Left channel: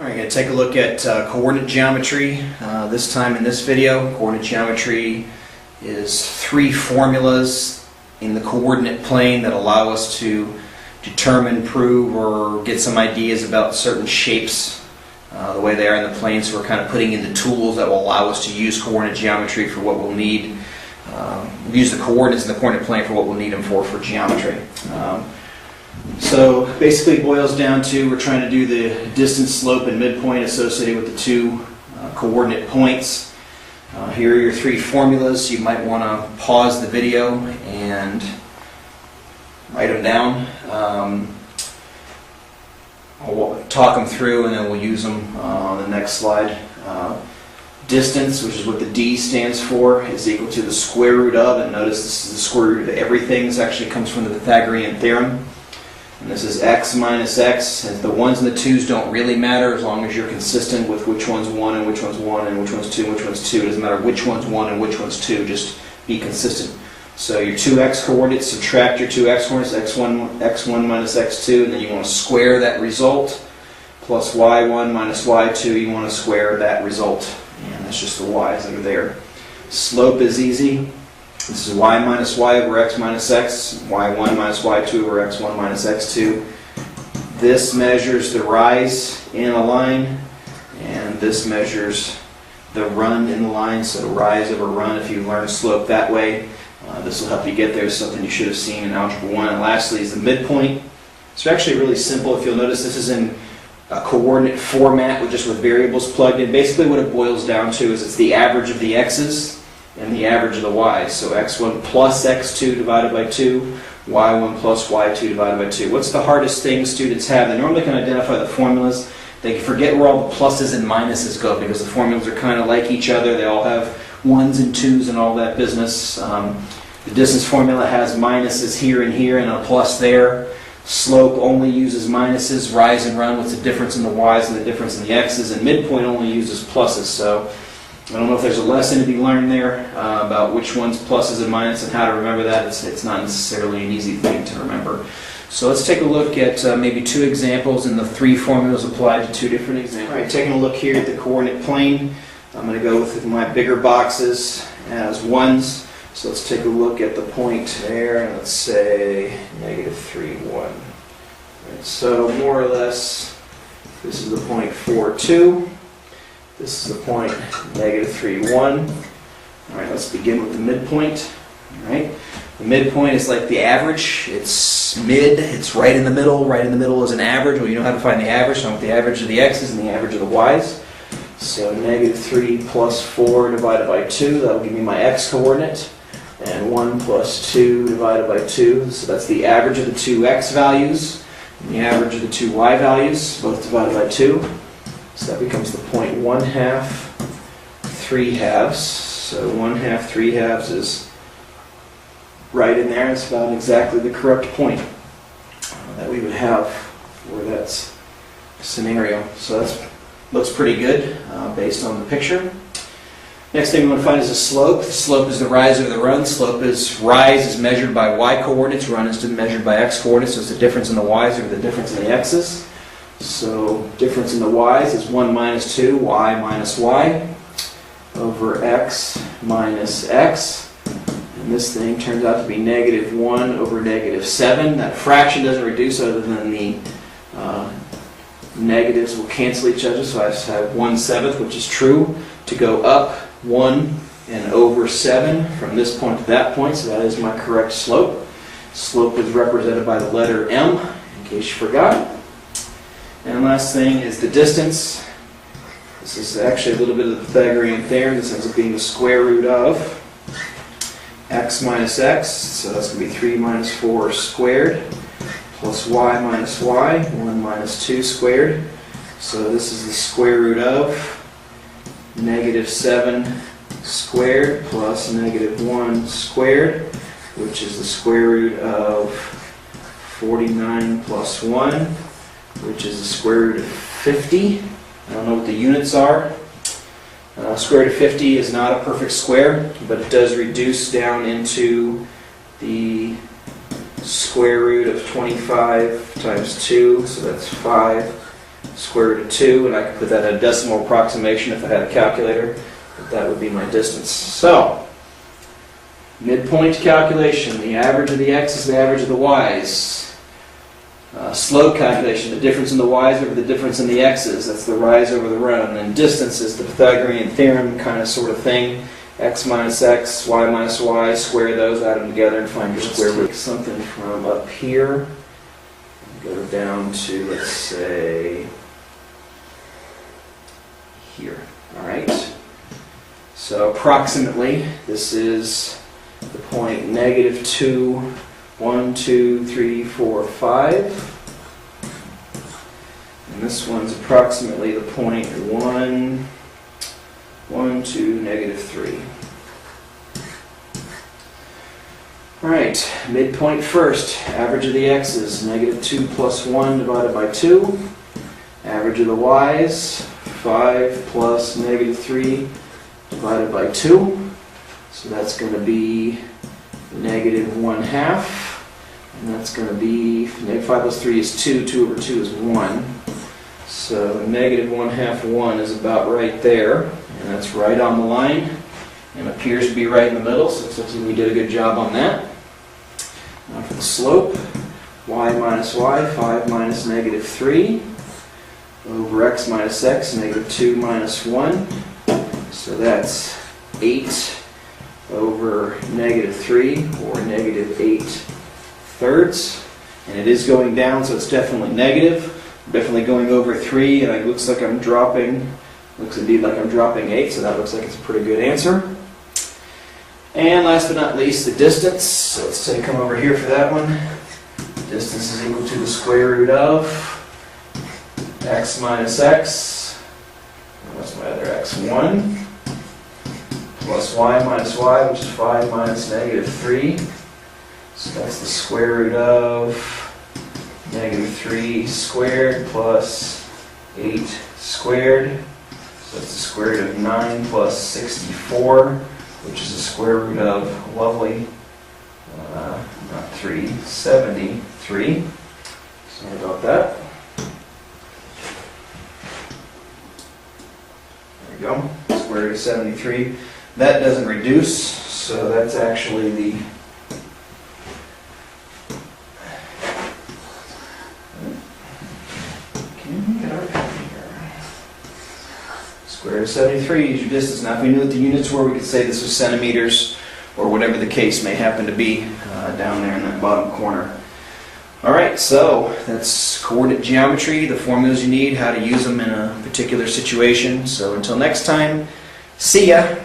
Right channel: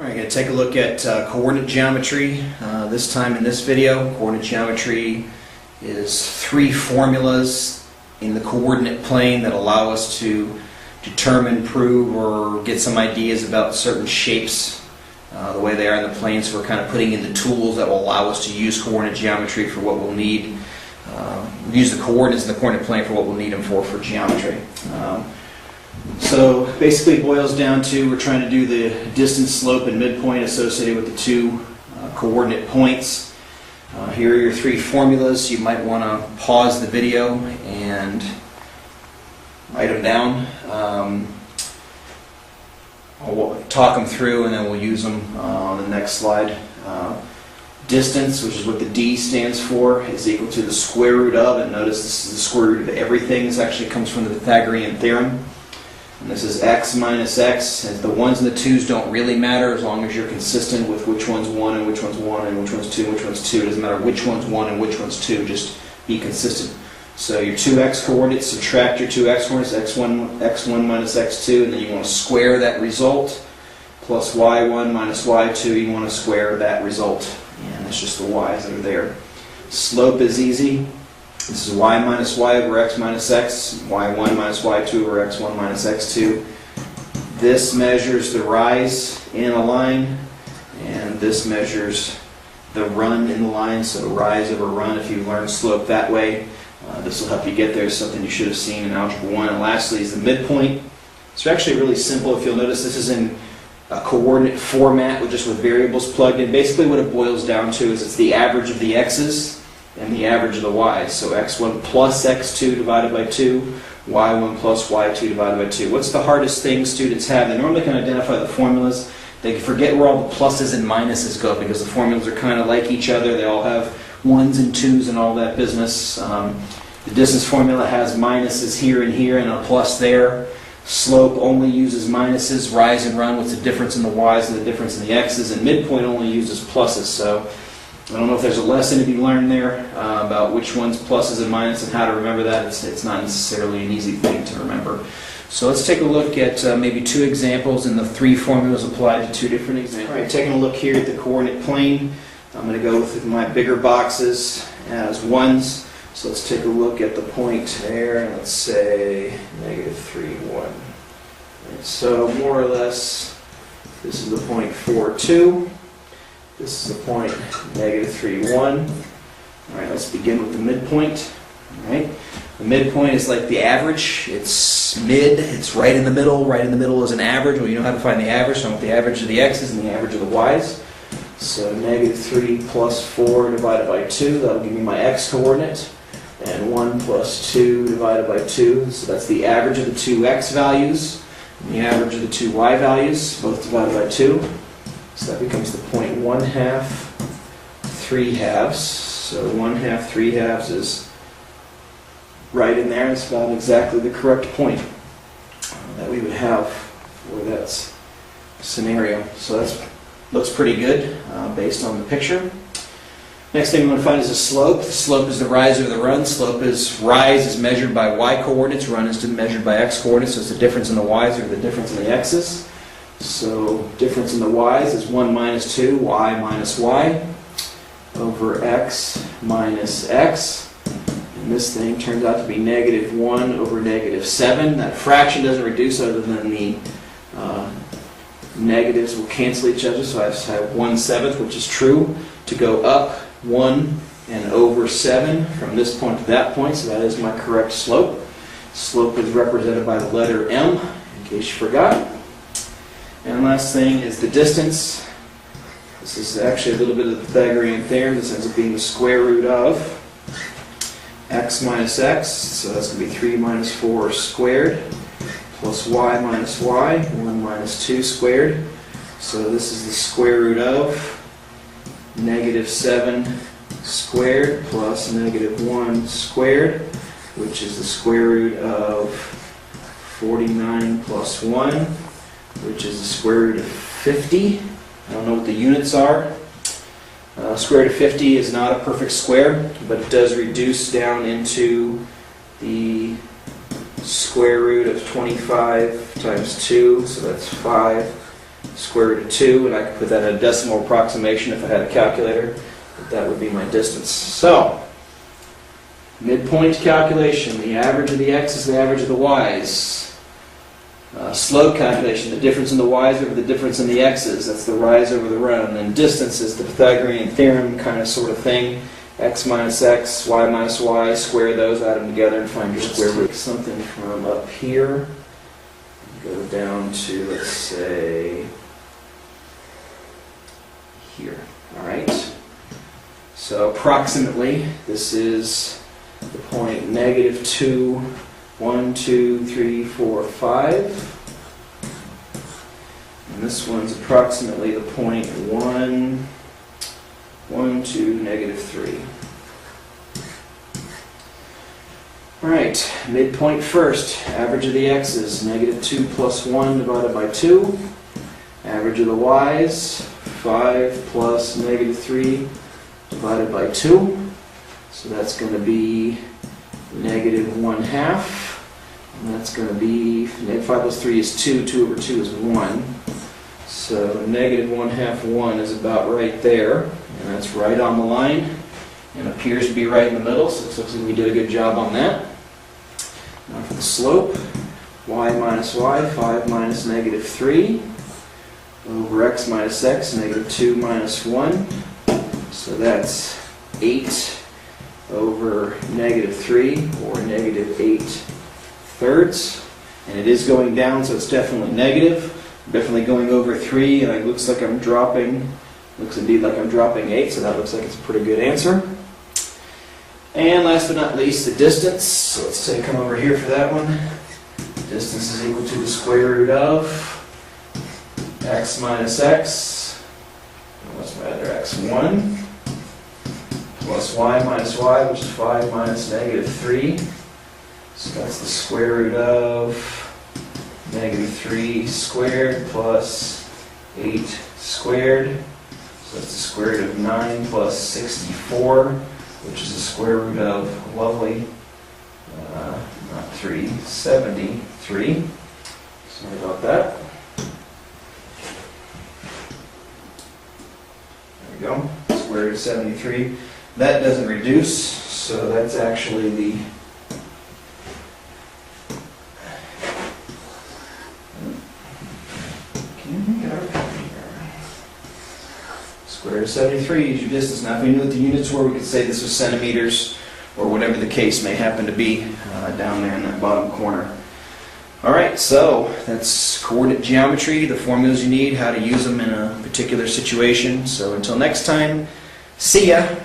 Alright, going to take a look at coordinate geometry. This time in this video, coordinate geometry is three formulas in the coordinate plane that allow us to determine, prove, or get some ideas about certain shapes, the way they are in the plane. So we're kind of putting in the tools that will allow us to use coordinate geometry for what we'll need. Use the coordinates in the coordinate plane for what we'll need them for geometry. So basically it boils down to we're trying to do the distance, slope, and midpoint associated with the two coordinate points. Here are your three formulas. You might want to pause the video and write them down. I'll talk them through and then we'll use them on the next slide. Distance, which is what the D stands for, is equal to the square root of, and notice this is the square root of everything. This actually comes from the Pythagorean theorem. And this is x minus x. And the ones and the twos don't really matter as long as you're consistent with which one's 1 and which one's 1 and which one's 2 and which one's 2. It doesn't matter which one's 1 and which one's 2, just be consistent. So your 2x coordinates, subtract your 2x coordinates, x1 minus x2, and then you want to square that result, plus y1 minus y2, you want to square that result. And that's just the y's that are there. Slope is easy. This is y minus y over x minus x, y1 minus y2 over x1 minus x2. This measures the rise in a line, and this measures the run in the line, so rise over run. If you learn slope that way, this will help you get there. It's something you should have seen in Algebra 1. And lastly is the midpoint. It's actually really simple. If you'll notice, this is in a coordinate format with variables plugged in. Basically what it boils down to is it's the average of the x's and the average of the y's. So x1 plus x2 divided by 2, y1 plus y2 divided by 2. What's the hardest thing students have? They normally can identify the formulas. They forget where all the pluses and minuses go because the formulas are kind of like each other. They all have 1s and 2s and all that business. The distance formula has minuses here and here and a plus there. Slope only uses minuses. Rise and run, what's the difference in the y's and the difference in the x's, and midpoint only uses pluses. So I don't know if there's a lesson to be learned there about which one's pluses and minuses and how to remember that. It's not necessarily an easy thing to remember. So let's take a look at maybe two examples and the three formulas applied to two different examples. All right, taking a look here at the coordinate plane, I'm going to go with my bigger boxes as ones. So let's take a look at the point there, and let's say negative 3, 1. Right, so more or less, this is the point 4, 2. This is the point negative 3, 1. All right, let's begin with the midpoint. All right, the midpoint is like the average. It's mid. It's right in the middle. Right in the middle is an average. Well, you know how to find the average. So I want the average of the x's and the average of the y's. So negative 3 plus 4 divided by 2. That'll give me my x coordinate. And 1 plus 2 divided by 2. So that's the average of the two x values and the average of the two y values, both divided by 2. So that becomes the point 1/2, 3/2. So 1/2, 3/2 is right in there. It's about exactly the correct point that we would have for that scenario. So that looks pretty good based on the picture. Next thing we want to find is a slope. The slope is the rise over the run. Rise is measured by y coordinates. Run is measured by x coordinates. So it's the difference in the y's over the difference in the x's. So difference in the y's is 1 minus 2, y minus y, over x minus x. And this thing turns out to be negative 1 over negative 7. That fraction doesn't reduce other than the negatives will cancel each other. So I just have 1/7, which is true, to go up 1 and over 7 from this point to that point. So that is my correct slope. Slope is represented by the letter M, in case you forgot. And last thing is the distance. This is actually a little bit of the Pythagorean theorem. This ends up being the square root of x minus x. So that's going to be 3 minus 4 squared, plus y minus y, 1 minus 2 squared. So this is the square root of negative 7 squared plus negative 1 squared, which is the square root of 49 plus 1, which is the square root of 50. I don't know what the units are. Square root of 50 is not a perfect square, but it does reduce down into the square root of 25 times 2, so that's 5 square root of 2, and I could put that in a decimal approximation if I had a calculator, but that would be my distance. So, midpoint calculation, the average of the x's, the average of the y's. Slope calculation, the difference in the y's over the difference in the x's, that's the rise over the run. And then distance is the Pythagorean theorem kind of sort of thing. X minus x, y minus y, square those, add them together and find your square root. Take something from up here, go down to, let's say, here. Alright, so approximately this is the point negative 2, 1, 2, 3, 4, 5. And this one's approximately the point 1, 1, 2, negative 3. Alright, midpoint first. Average of the x's, negative 2 plus 1 divided by 2. Average of the y's, 5 plus negative 3 divided by 2. So that's going to be negative 1/2. And that's going to be, negative 5 plus 3 is 2, 2 over 2 is 1. So negative 1/2, 1 is about right there. And that's right on the line. And appears to be right in the middle, so it looks like we did a good job on that. Now for the slope, y minus y, 5 minus negative 3, over x minus x, negative 2 minus 1. So that's 8 over negative 3, or negative 8/3. And it is going down, so it's definitely negative. I'm definitely going over 3, and it looks like I'm dropping, looks indeed like I'm dropping 8, so that looks like it's a pretty good answer. And last but not least, the distance. So let's say come over here for that one. Distance is equal to the square root of x minus x. What's my other x? 1. Plus y minus y, which is 5 minus negative 3. So that's the square root of negative 3 squared plus 8 squared. So that's the square root of 9 plus 64, which is the square root of, lovely, not 3, 73. Sorry about that. There we go, square root of 73. That doesn't reduce, so that's actually the square root of 73 is your distance. Now if we knew what the units were, we could say this was centimeters, or whatever the case may happen to be down there in that bottom corner. Alright, so that's coordinate geometry, the formulas you need, how to use them in a particular situation. So until next time, see ya!